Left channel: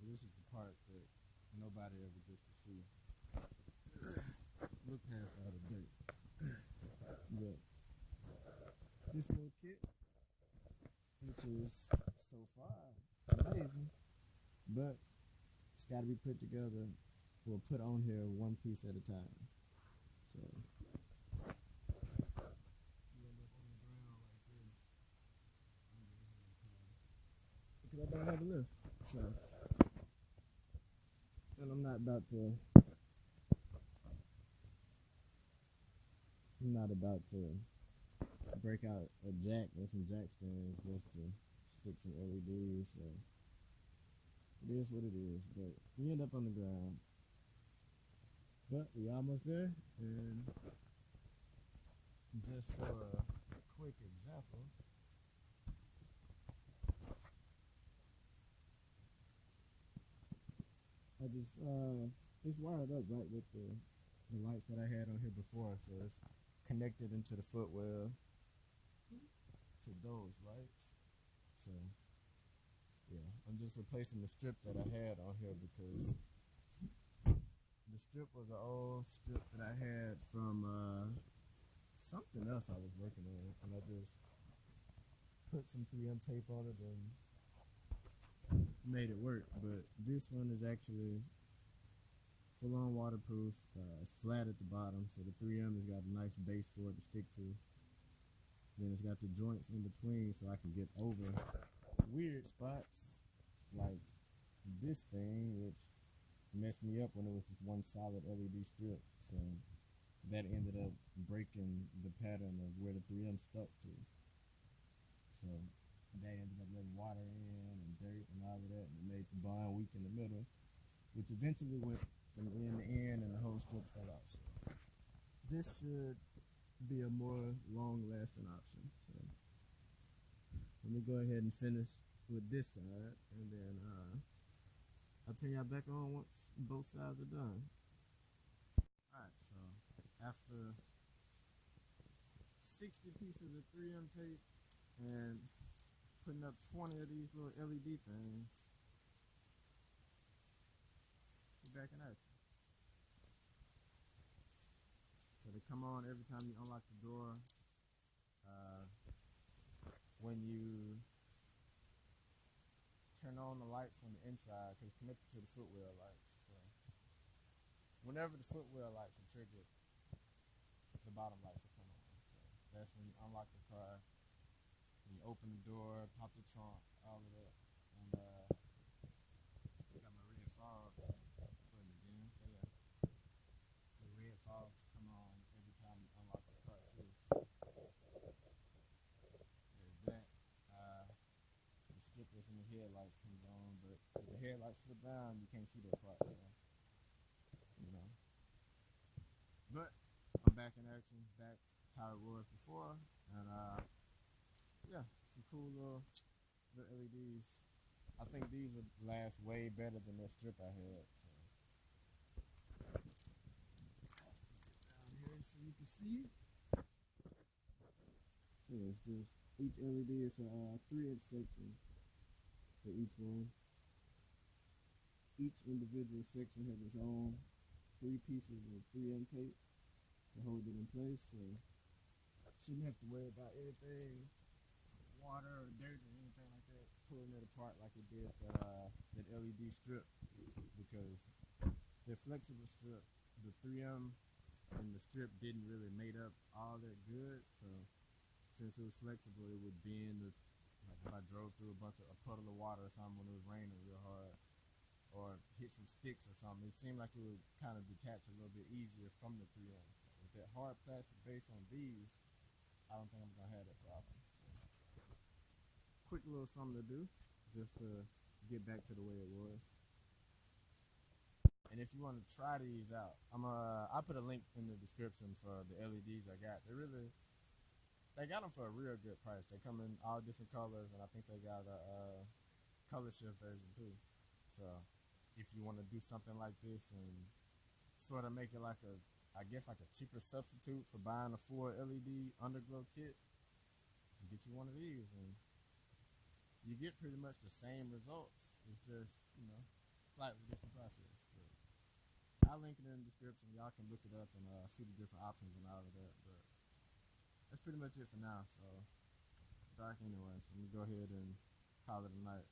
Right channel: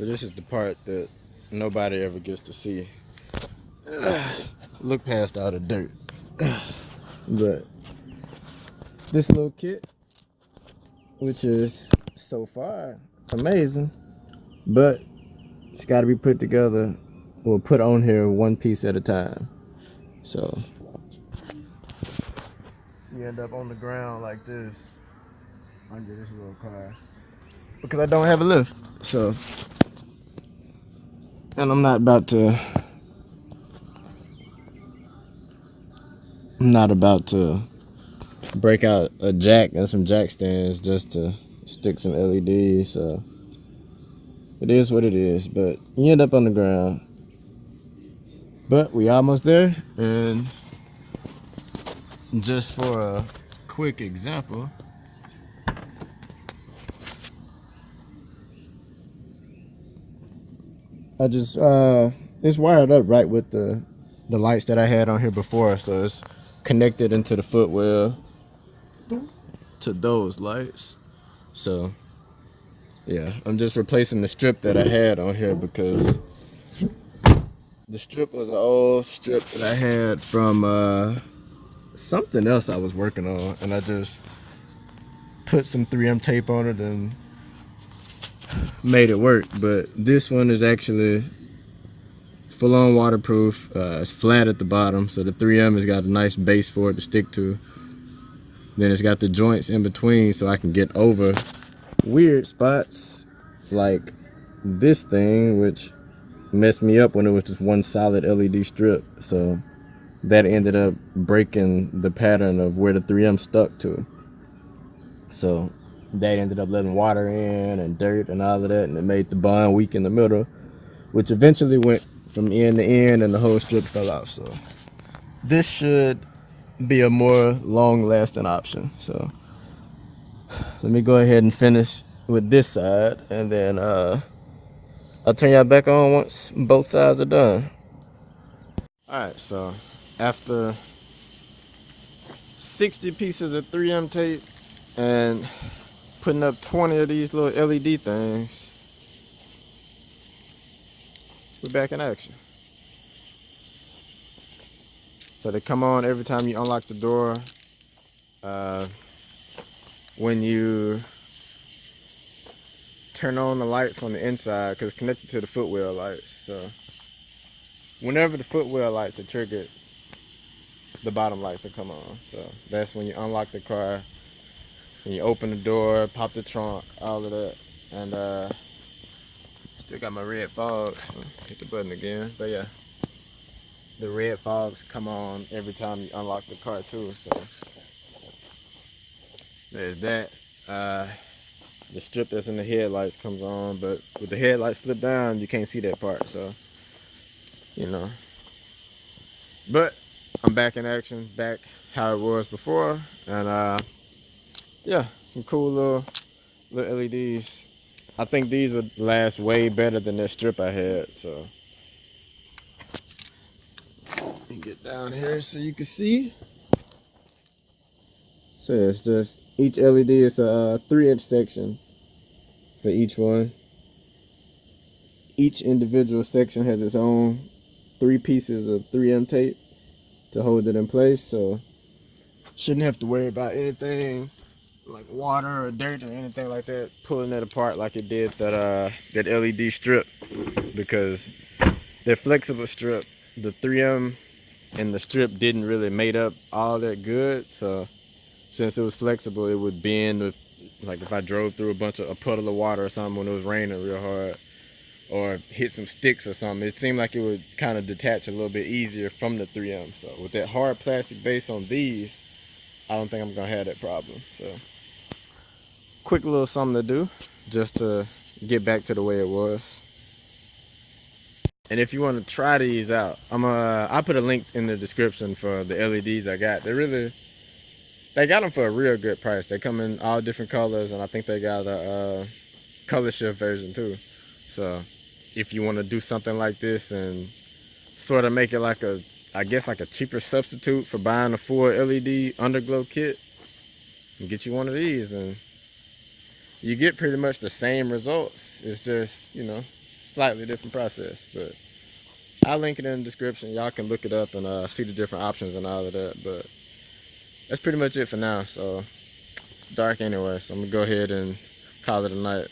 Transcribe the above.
So this is the part that nobody ever gets to see. Look past all the dirt. But this little kit, which is so far amazing, but it's got to be put together or put on here one piece at a time. So you end up on the ground like this under this little car because I don't have a lift. So, and I'm not about to break out a jack and some jack stands just to stick some LEDs. So it is what it is, but you end up on the ground. But we almost there, and just for a quick example, I just it's wired up right with the lights that I had on here before, so it's connected into the footwell to those lights. So yeah, I'm just replacing the strip that I had on here because the strip was an old strip that I had from something else I was working on, and I just put some 3M tape on it and made it work. But this one is actually full on waterproof. It's flat at the bottom, so the 3M has got a nice base for it to stick to. Then it's got the joints in between so I can get over weird spots like this thing, which messed me up when it was just one solid LED strip. So that ended up breaking the pattern of where the 3M stuck to. So that ended up letting water in and dirt and all of that, and it made the bond weak in the middle, which eventually went from end to end and the whole strip fell off. So this should be a more long-lasting option. So let me go ahead and finish with this side, and then I'll turn y'all back on once both sides are done. All right, so after 60 pieces of 3M tape and putting up 20 of these little LED things, we're back in action. So they come on every time you unlock the door. When you turn on the lights on the inside, because it's connected to the footwell lights. So whenever the footwell lights are triggered, the bottom lights will come on. So that's when you unlock the car, when you open the door, pop the trunk, all of that. And still got my red fogs. Hit the button again. But yeah, the red fogs come on every time you unlock the car too. So there's that. The strip that's in the headlights comes on, but with the headlights flipped down, you can't see that part. So, you know. But I'm back in action, back how it was before, and yeah, some cool little LEDs. I think these would last way better than that strip I had. So, let me get down here so you can see. So it's just each LED is a 3-inch section for each one. Each individual section has its own 3 pieces of 3M tape to hold it in place, so shouldn't have to worry about anything like water or dirt or anything like that pulling it apart like it did that LED strip, because that flexible strip, the 3M and the strip didn't really mate up all that good. So since it was flexible, it would bend with, like if I drove through a puddle of water or something when it was raining real hard, or hit some sticks or something, it seemed like it would kind of detach a little bit easier from the 3M. So with that hard plastic base on these, I don't think I'm gonna have that problem. So quick little something to do just to get back to the way it was. And if you want to try these out, I put a link in the description for the LEDs I got. They got them for a real good price. They come in all different colors, and I think they got a color shift version too. So if you want to do something like this and sort of make it like I guess like a cheaper substitute for buying a full LED underglow kit, and get you one of these, and you get pretty much the same results. It's just, slightly different process. But I'll link it in the description. Y'all can look it up and see the different options and all of that. But that's pretty much it for now. So it's dark anyway, so I'm gonna go ahead and call it a night.